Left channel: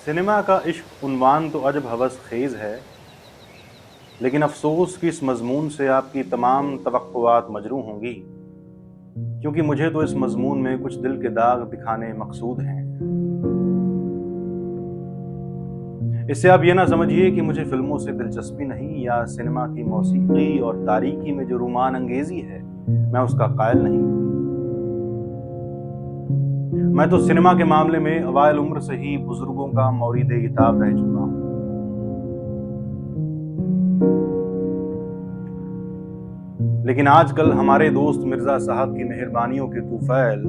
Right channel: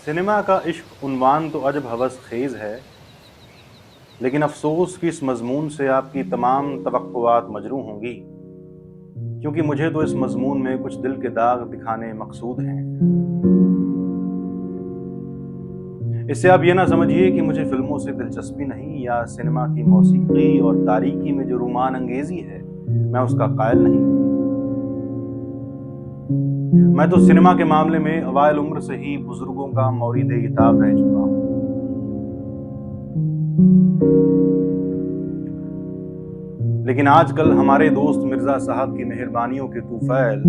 Cinema का इश्क उन्वान तो अजब हवस खेज है, लेकिन अफसोस कि इस मजमून से आपकी तमाम तवक्कुआत मजरूह होंगी, क्योंकि मुझे तो इस मजमून में कुछ दिल के दाग दिखाने मकसूद हैं। इससे आप ये ना समझिए कि मुझे फिल्मों से दिलचस्पी नहीं या सिनेमा की मौसीकी और तारीकी में जो रोमान अंगेजी है मैं उसका कायल नहीं। मैं तो सिनेमा के मामले में अवाइल उम्र से ही बुजुर्गों का मौरीद इताब रह चुका हूं। लेकिन आजकल हमारे दोस्त मिर्जा साहब की मेहरबानियों के तूफैल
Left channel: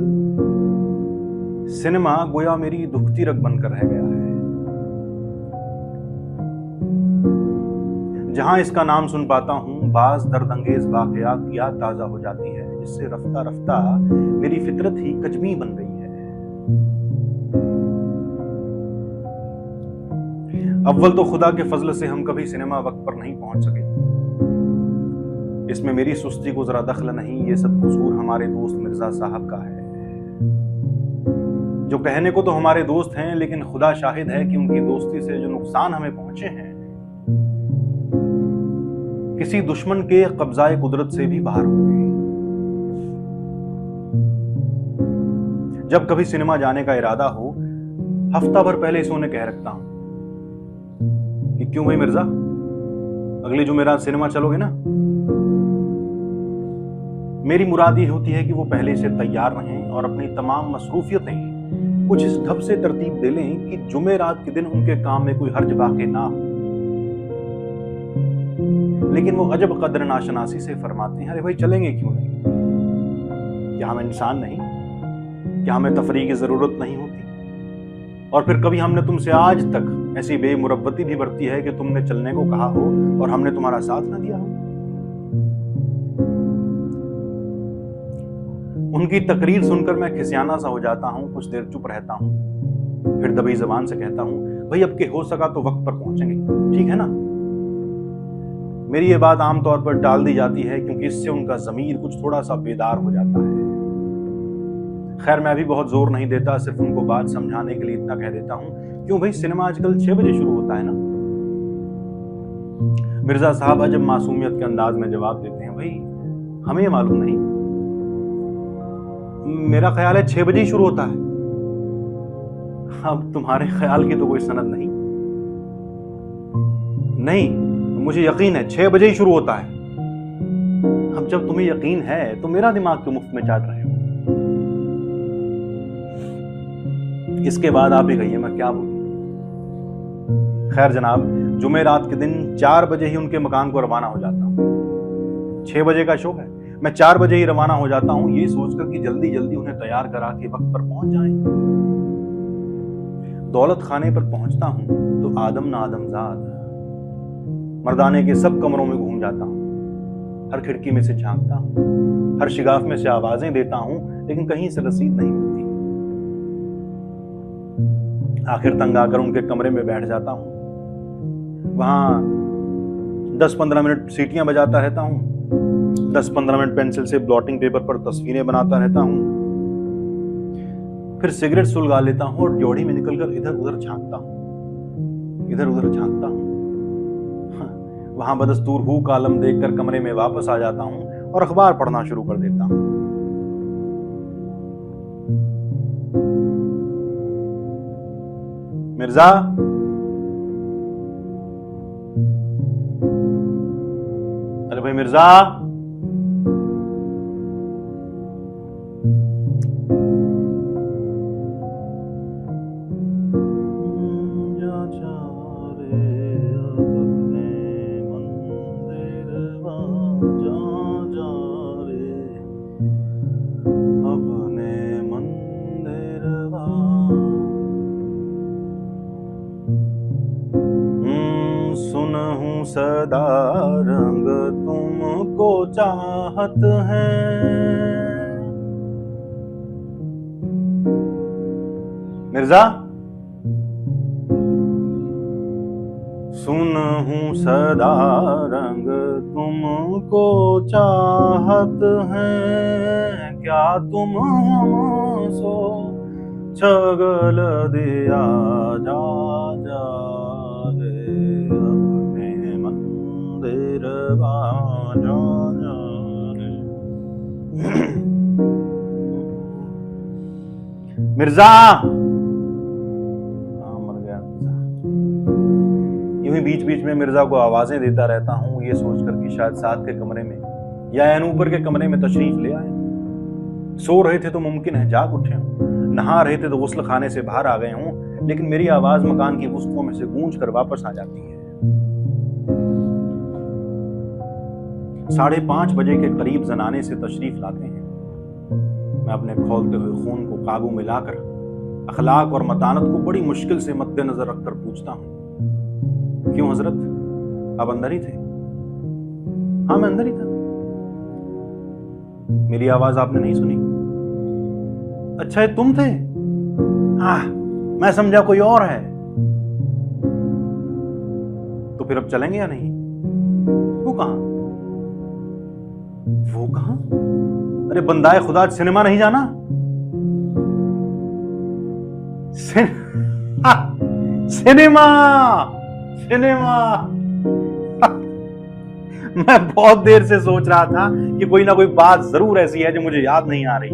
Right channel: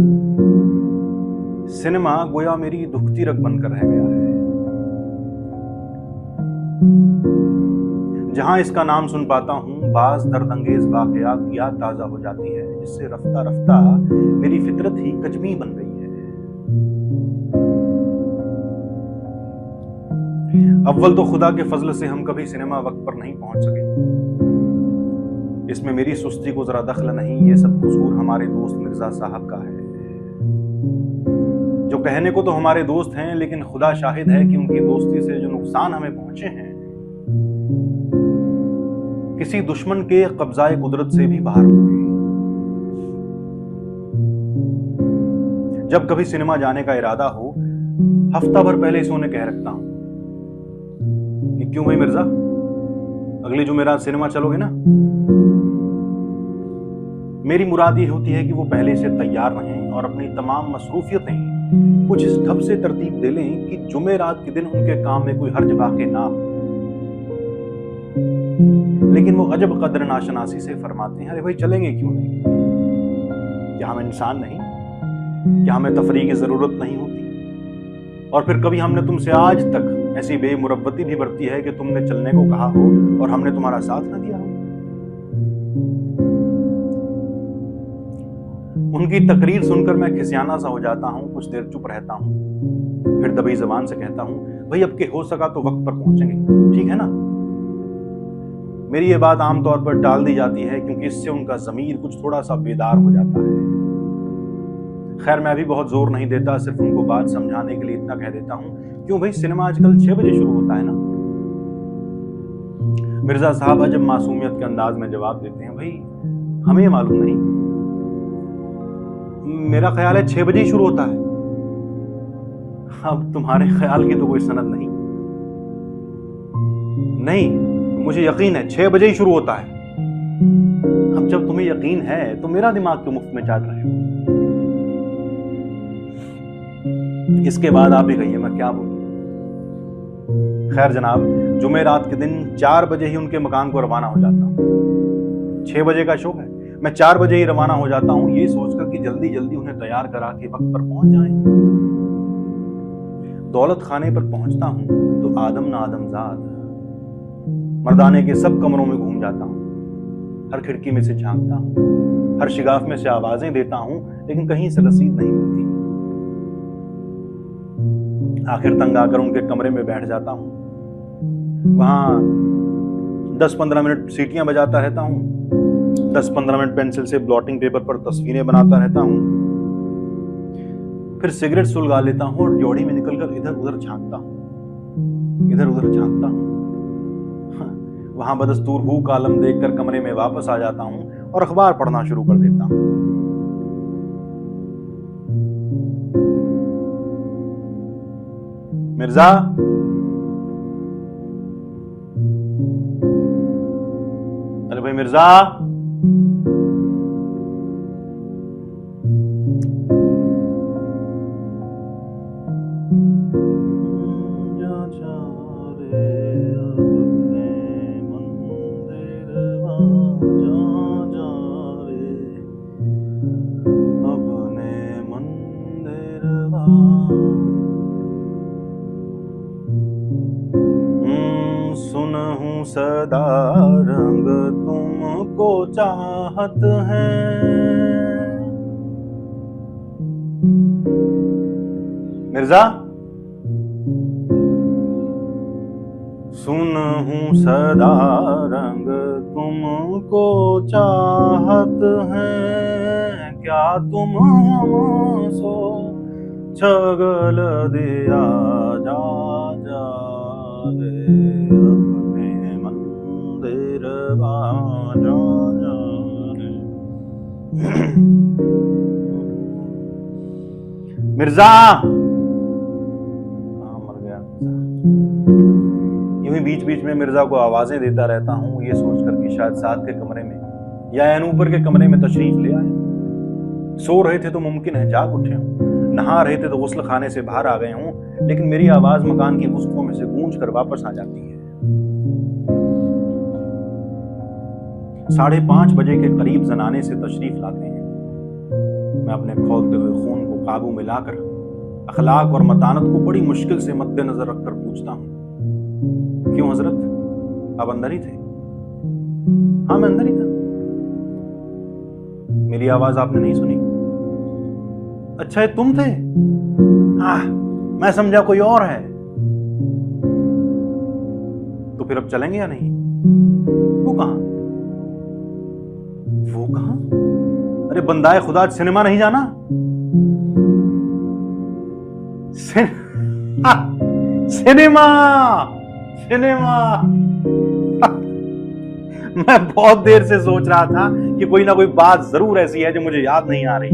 सिनेमा गोया मेरी दुखती रग बनकर रह गया है। जहां इसका नाम सुन पाता हूं, बाज दर्द अंगेज वाकयात की याद ताजा हो जाती है, जिससे रफ्ता रफ्ता मेरी फितरत ही कजमी बन गई है। अव्वल तो खुदा के फजल से हम कभी सिनेमा वक्त पर नहीं पहुंच सके। इसमें मेरी सुस्ती को जरा दखल नहीं, ये सब कसूर हमारे दोस्त मिर्जा साहब का है, जो कहने को तो हमारे दोस्त हैं, लेकिन खुदा शाहिद है कि उनकी दोस्ती से जो नुकसान हमें पहुंचे हैं किसी दुश्मन के कब्जाए कुदरत से भी बाहर होंगे। जब कभी सिनेमा जाने का इरादा हो, हफ्ता भर पहले से उन्हें कह रखता हूं कि क्यों भाई मिर्जा, अगली जुमेरात सिनेमा चलोगे ना। मेरी मुराद ये होती है कि वो पहले से तैयार रहें और अपनी तमाम मसरूफियतें कुछ इस ढब से तरतीब दे लें कि जुमेरात के दिन उनके काम में कोई हर्ज वाक़े ना हो। लेकिन वो अजब कदर नाशनासी से फरमाते हैं, अरे भाई चलेंगे क्यों नहीं, क्या हम इंसान नहीं, क्या हमें तफरीह की जरूरत नहीं होती। और फिर कभी हमने तुमसे आज तक ऐसी बेमुरव्वती भी बरती है कि तुमने चलने को कहा हो और हमने तुम्हारा साथ ना दिया हो। उनकी तकरीर सुनकर मैं खिसियाना सा हो जाता हूं, कुछ देर चुप रहता हूं, फिर दबी जबान से कहता हूं, भाई अब के हो सका तो वक्त पर पहुंचेंगे, ठीक है ना। मेरी ये बात आमतौर पर टाल दी जाती है क्योंकि इससे उनका ज़मीर कुछ थोड़ा सा बेदार हो जाता है। खैर मैं भी बहुत जोर नहीं देता, सिर्फ उनको बात समझाने के लिए इतना कह देता हूं, क्यों भाई सिनेमा आजकल 6 बजे शुरू होता है ना। मिर्जा साहब अजब मासूमियत के अंदाज में जवाब देते हैं, भाई हमें मालूम नहीं, मेरा ख्याल है 6 बजे ही शुरू होता है। अब तुम्हारे ख्याल की तो कोई सनद नहीं। नहीं, मुझे यकीन है 6 बजे ही शुरू होता है। अब जब तुम्हें यकीन है तो मेरा दिमाग क्यों मुफ्त में चाट रहे हो। इसके बाद आप ही कहिए मैं क्या बोलूं। खैर जनाब, जुमेरात के दिन 4 बजे ही उनके मकान को रवाना हो जाता हूं। 6 बजे का शो है, मैं 4 बजे ही रवाना हो जाता हूं, ये सोचकर कि जल्दी जल्दी उन्हें तैयार करा के वक्त पर पहुंच जाएं। दौलत खाने पर पहुंचता हूं तो आदम ना आदमजाद मर्दाने के सब कमरों में घूम जाता हूं, हर खिड़की में से झांकता हूं, हर शिगाफ में से आवाजें देता हूं, लेकिन कहीं से रसीद नहीं मिलती। आखिर तंग आकर उनके कमरे में बैठ जाता हूं, वहां 10-15 मिनट सीटियां बजाता रहता हूं, 10-15 मिनट पेंसिल से ब्लॉटिंग पेपर पर तस्वीरें बनाता रहता हूं, फिर सिगरेट सुलगा लेता हूं और ड्योढ़ी में निकलकर इधर उधर झांकता हूं। वहां बदस्तूर हु कालम देखकर कमरे में वापस आ जाता हूं और अखबार पढ़ना शुरू कर देता हूं। मिर्जा, अरे भाई मिर्जा, सुनहूं सदा रंग तुमको चाहत है। मिर्जा, सुनहूं सदा रंग तुमको चाहत है, क्या तुम हमसो छगल दिया जा जा रे अपने मंदिर जा जा रे। मिर्जा, हाँ मर गया मिर्जा। यूं ही बीच बीच में मिर्जा को आवाजें देता रहता हूँ, ये सोचकर कि शायद साथ के कमरे में या अनूपर के कमरे में तशरीफ ले आए। सो रहे थे तो मुमकिन है जाग उठे हों, नहा रहे थे तो गुस्ल खाने से बाहर आ गए हों, लेकिन मेरी आवाज मकान की वस्तुओं में से गूंज कर वापस आ जाती है। 5:30 बजे के करीब जनाने से तशरीफ लाते हैं। मैं अपने खौलते हुए खून को काबू में लाकर अखलाक और मतानत को बड़ी मुश्किल से मद्देनजर रखकर पूछता हूं, क्यों हजरत, आप अंदर ही थे? हाँ मैं अंदर ही था। मेरी आवाज आपने नहीं सुनी? अच्छा ये तुम थे? हाँ मैं समझा कोई और है। तो फिर अब चलेंगे या नहीं? वो कहां? वो कहां? अरे बंदाए खुदा, सिनेमा नहीं जाना? Cinema cinema. मैं बहुत देर से सोच रहा था कि कोई ना कोई बात जरूर ऐसी है जो मुझे याद नहीं आ रही।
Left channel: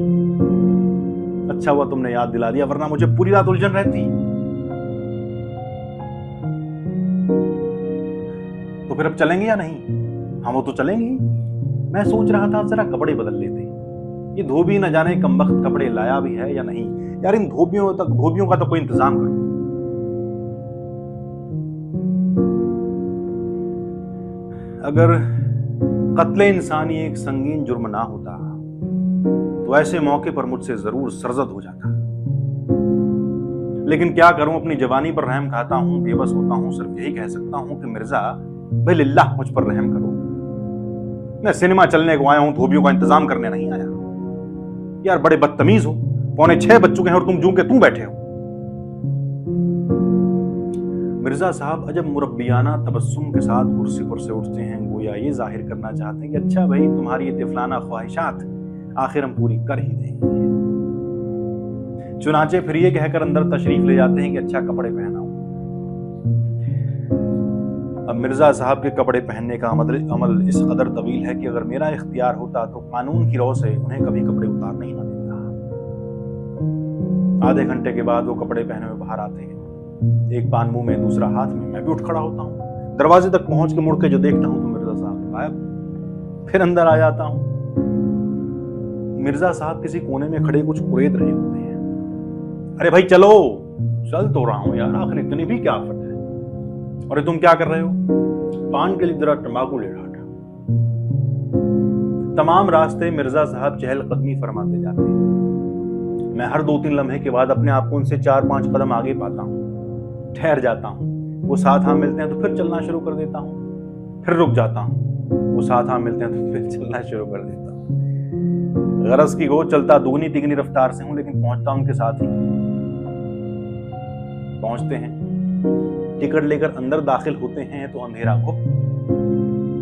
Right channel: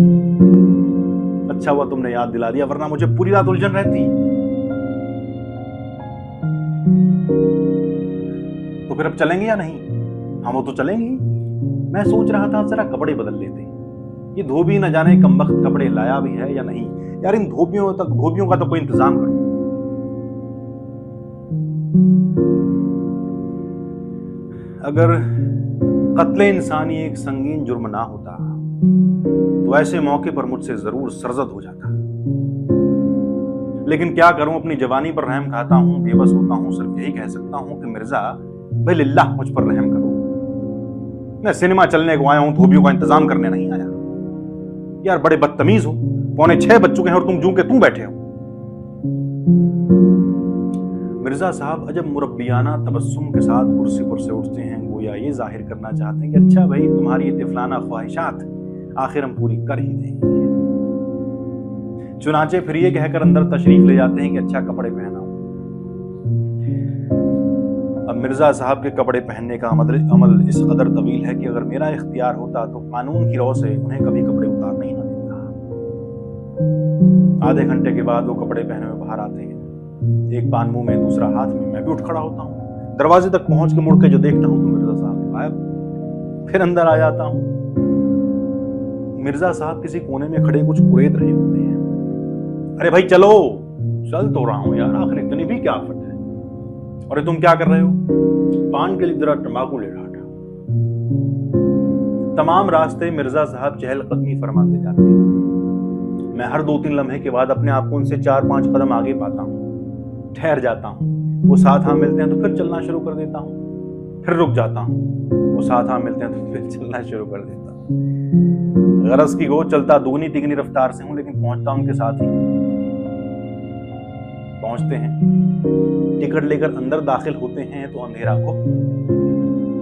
अच्छा हुआ तुमने याद दिला दिया, वरना मुझे पूरी रात उलझन रहती। तो फिर अब चलेंगे या नहीं? हाँ वो तो चलेंगे। मैं सोच रहा था जरा कपड़े बदल लेते। ये धोबी न जाने कमबख्त कपड़े लाया भी है या नहीं। यार इन धोबियों का तो कोई इंतजाम करो। अगर कत्ले इंसानी एक संगीन जुर्म ना होता तो ऐसे मौके पर मुझसे जरूर सरजद हो जाता, लेकिन क्या करूं, अपनी जवानी पर रहम खाता हूं, बेबस होता हूं। सिर्फ यही कह सकता हूं कि मिर्जा भाई लिल्लाह मुझ पर रहम करो। मैं सिनेमा चलने को आया हूं, धोबियों का इंतजाम करने नहीं आया। यार बड़े बदतमीज हो, 6:45 बज चुके हैं और तुम जूं के तू बैठे हो। मिर्जा साहब अजब मुरब्बियाना तबस्सुम के साथ कुर्सी पर से उठते हैं, गोया ये जाहिर करना चाहते हैं कि अच्छा भाई तुम्हारी ये तिफलाना ख्वाहिशात आखिर हम पूरी कर ही देंगे। चुनाचे फिर ये कहकर अंदर तशरीफ ले जाते हैं कि अच्छा कपड़े पहना हूं। अब मिर्जा साहब के कपड़े पहनने का अमल इस कदर तवील है कि अगर मेरा इख्तियार होता तो कानून की रौ से उन्हें कभी कपड़े उतारने ही ना देता। आधे घंटे के बाद वो कपड़े पहने हुए बाहर आते हैं, एक पान मुंह में दूसरा हाथ में। मैं भी उठ खड़ा होता हूँ, दरवाजे तक पहुंच के मुड़ के जो देखता हूं तो मिर्जा साहब गायब। फिर अंदर आ जाता हूं। मिर्जा साहब किसी कोने में खड़े कुछ कुरेद रहे होते हैं। अरे भाई चलो, चल तो रहा हूं यार, आखिर इतनी भी क्या आफत है। अरे तुम क्या कर रहे हो? पान के लिए जरा तंबाकू ले रहा था। तमाम रास्ते मिर्जा साहब चहलकदमी फरमाते जाते हैं। मैं हर 2-3 लम्हे के बाद अपने आप को उनसे 4-5 कदम आगे पाता हूं, ठहर जाता हूं। वो साथ हाँ मिलते हैं तो फिर चलना शुरू कर देता हूं, फिर रुक जाता हूं। वो साथ हाँ मिलते हैं तो फिर चलना शुरू कर देता हूं। गरज की गो चलता दुगनी तिगनी रफ्तार से हूं, लेकिन पहुंचता उनके साथ ही। पहुंचते हैं, टिकट लेकर अंदर दाखिल होते हैं तो अंधेरा को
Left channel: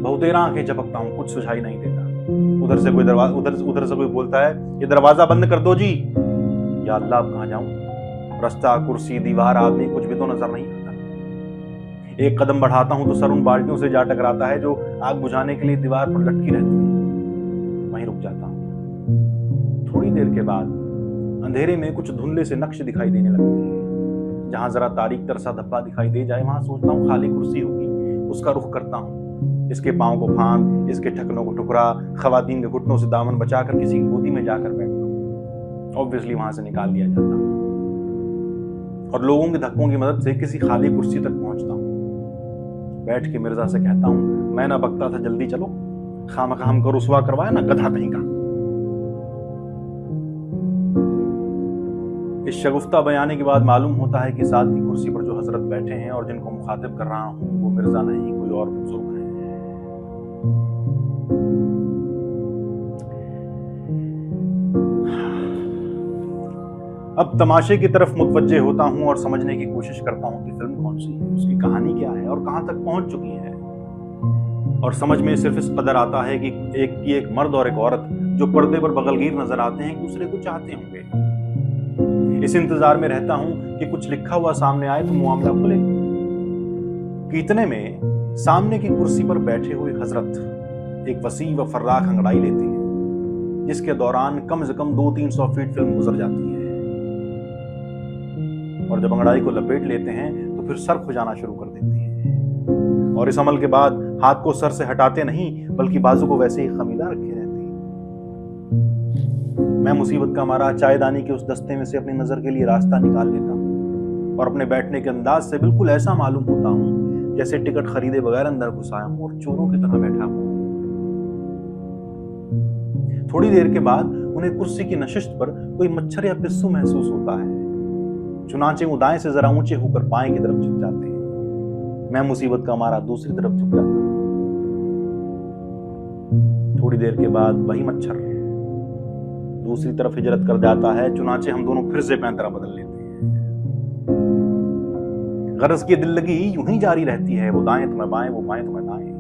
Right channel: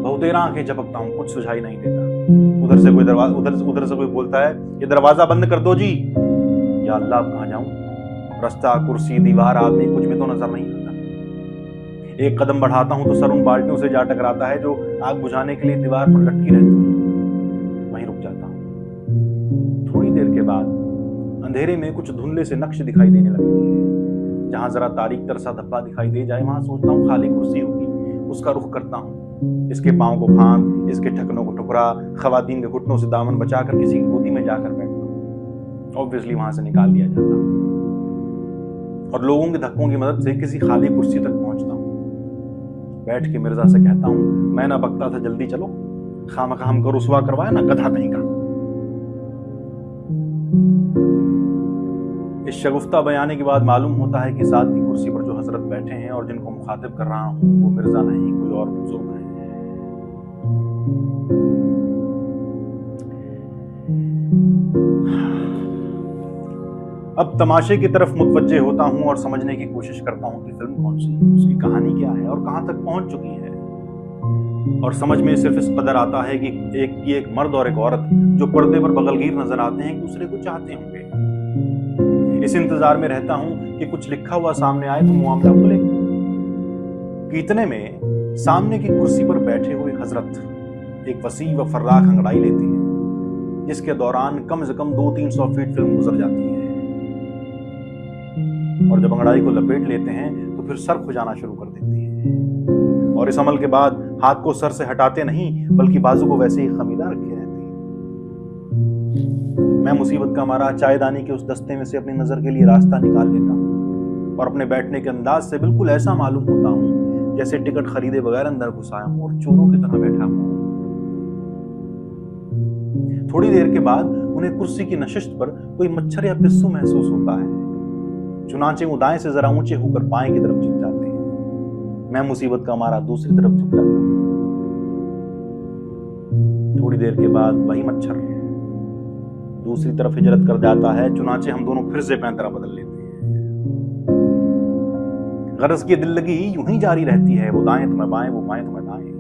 बहुतेरा आंखें झपकता हूं, कुछ सुझाई नहीं देता। उधर से कोई बोलता है ये दरवाजा बंद कर दो जी। या अल्लाह अब कहां जाऊं? रास्ता, कुर्सी, दीवार, आदमी कुछ भी तो नजर नहीं आता। एक कदम बढ़ाता हूं तो सर उन बाल्टियों से जा टकराता है जो आग बुझाने के लिए दीवार पर लटकी रहती है। वहीं रुक जाता हूं। थोड़ी देर के बाद अंधेरे में कुछ धुंधले से नक्श दिखाई देने लगते हैं। जहां जरा तारीख तरसा धब्बा दिखाई दे जाए वहां सोचता हूं खाली कुर्सी होगी, उसका रुख करता हूं। इसके पांव को फांद, इसके ठकनों को ठुकरा, खवातीन के घुटनों से दामन बचाकर किसी की गोदी में जाकर बैठता हूं। ऑब्वियसली वहां से निकाल दिया जाता हूं और लोगों के धक्कों की मदद से किसी खाली कुर्सी तक पहुंचता हूं। बैठ के मिर्जा से कहता हूं, मैं ना बकता था, जल्दी चलो, खामखा हमको रुसवा करवाया ना, गधा कहीं का। इस शगुफ्ता बयाने के बाद मालूम होता है कि साथ की कुर्सी पर जो हजरत बैठे हैं और जिनको मुखातिब कर रहा हूं वो मिर्जा नहीं, कोई और बुजुर्ग हैं। अब तमाशे की तरफ मुतवज्जे होता हूं और समझने की कोशिश करता हूं कि फिल्म कौन सी है, उसकी कहानी क्या है और कहां तक पहुंच चुकी है। और समझ में सिर्फ इस कदर आता है कि एक मर्द और एक औरत जो पर्दे पर बगलगीर नजर आते हैं, एक दूसरे को चाहते होंगे। इस इंतजार में रहता हूं कि कुछ लिखा हुआ सामने आए तो मामला खुले। कि इतने में सामने की कुर्सी पर बैठे हुए हजरत एक वसी व फर्राख अंगड़ाई लेती है, जिसके दौरान कम से कम 200-300 फीट फिल्म गुजर जाती है। और जब अंगड़ाई को लपेट लेते हैं तो फिर सर खुजाना शुरू कर देती है। और इस अमल के बाद हाथ को सर से हटाते नहीं, बल्कि बाजू को वैसे ही खमीदा रखे रहते हैं। मैं मुसीबत का मारा चायदानी के उस दस्ते में से अपनी नजर के लिए रास्ता निकाल लेता हूं और अपने बैठने के अंदाज से बिल्कुल ऐसा मालूम होता हूं जैसे टिकट खरीदे बगैर अंदर घुस आया हूं और चोरों की तरह बैठा हूं। थोड़ी देर के बाद उन्हें कुर्सी की नशिस्त पर कोई मच्छर या पिस्सू महसूस होता है। चुनाचे वो दाएं से जरा ऊंचे होकर बाएं की तरफ झुक जाते हैं। मैं मुसीबत का मारा दूसरी तरफ झुक जाता हूं। थोड़ी देर के बाद वही मच्छर दूसरी तरफ हिजरत कर जाता है। चुनाचे हम दोनों फिर से पैंतरा बदल लेते हैं। गरज की दिल लगी यूं ही जारी रहती है, वो दाएं तो मैं बाएं, वो बाएं तो मैं दाएं।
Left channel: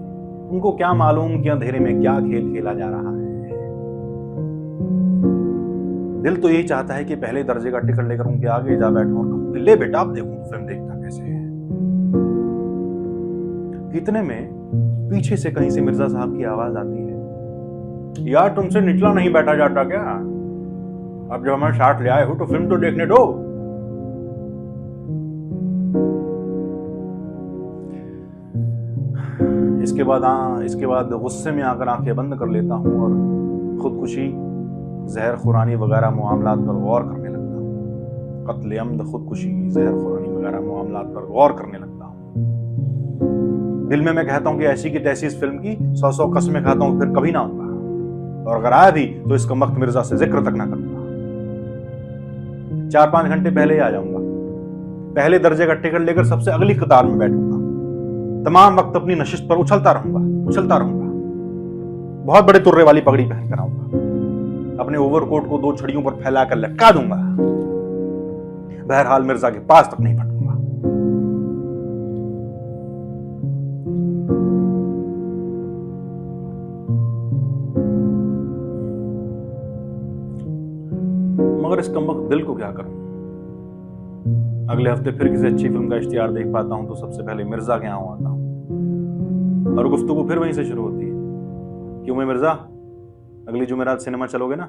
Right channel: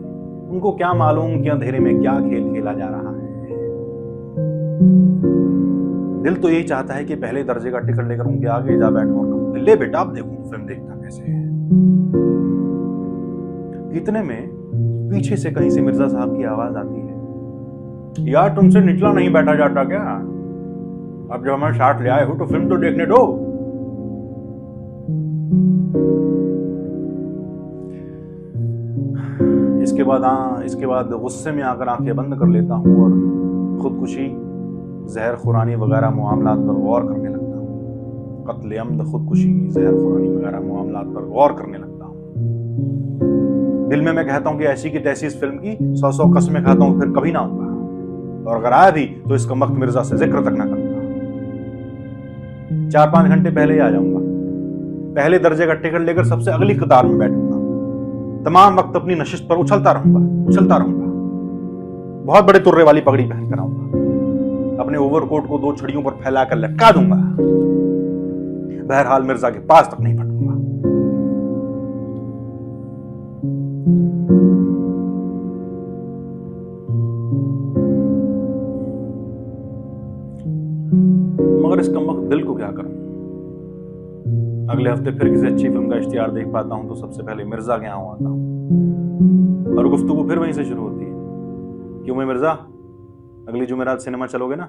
उनको क्या मालूम कि अंधेरे में क्या खेल खेला जा रहा है। दिल तो यही चाहता है कि पहले दर्जे का टिकट लेकर उनके आगे जा बैठूं और कहूं, ले बेटा अब देखूं तो फिल्म देखता कैसे है। इतने में पीछे से कहीं से मिर्जा साहब की आवाज आती है, यार तुमसे निचला नहीं बैठा जाता क्या? अब जब हमारे साथ ले आए हो तो फिल्म तो देखने दो। इसके बाद गुस्से में आकर आंखें बंद कर लेता हूं और खुदकुशी, जहर खुरानी वगैरह मामलात पर गौर करने लगता हूं। कत्ल अम्द, खुदकुशी, जहर खुरानी वगैरह मामलात पर गौर करने लगता हूं। दिल में मैं कहता हूं कि ऐसी की तैसी इस फिल्म की 100 कसमें खाता हूं, फिर कभी ना आऊंगा। और अगर आया भी तो इसका वक्त मिर्जा से जिक्र तक ना करूंगा। 4-5 घंटे पहले ही आ जाऊंगा। पहले दर्जे का टिकट लेकर सबसे अगली कतार में बैठूंगा। तमाम वक्त अपनी नशिस्त पर उछलता रहूंगा। बहुत बड़े तुर्रे वाली पगड़ी पहनकर आऊंगा। अपने ओवरकोट को 2 छड़ियों पर फैलाकर लटका दूंगा। बहरहाल मिर्जा के पास तक नहीं भटकूंगा। मगर इस कमबख्त दिल को क्या करूं? अगले हफ्ते फिर किसी अच्छी फिल्म का इश्तिहार देख पाता हूं तो सबसे पहले मिर्जा के यहां आता हूं और गुफ्तगू फिर वहीं से शुरू होती है। क्यों मैं मिर्जा, अगली जुमेरात सिनेमा चलोगे ना?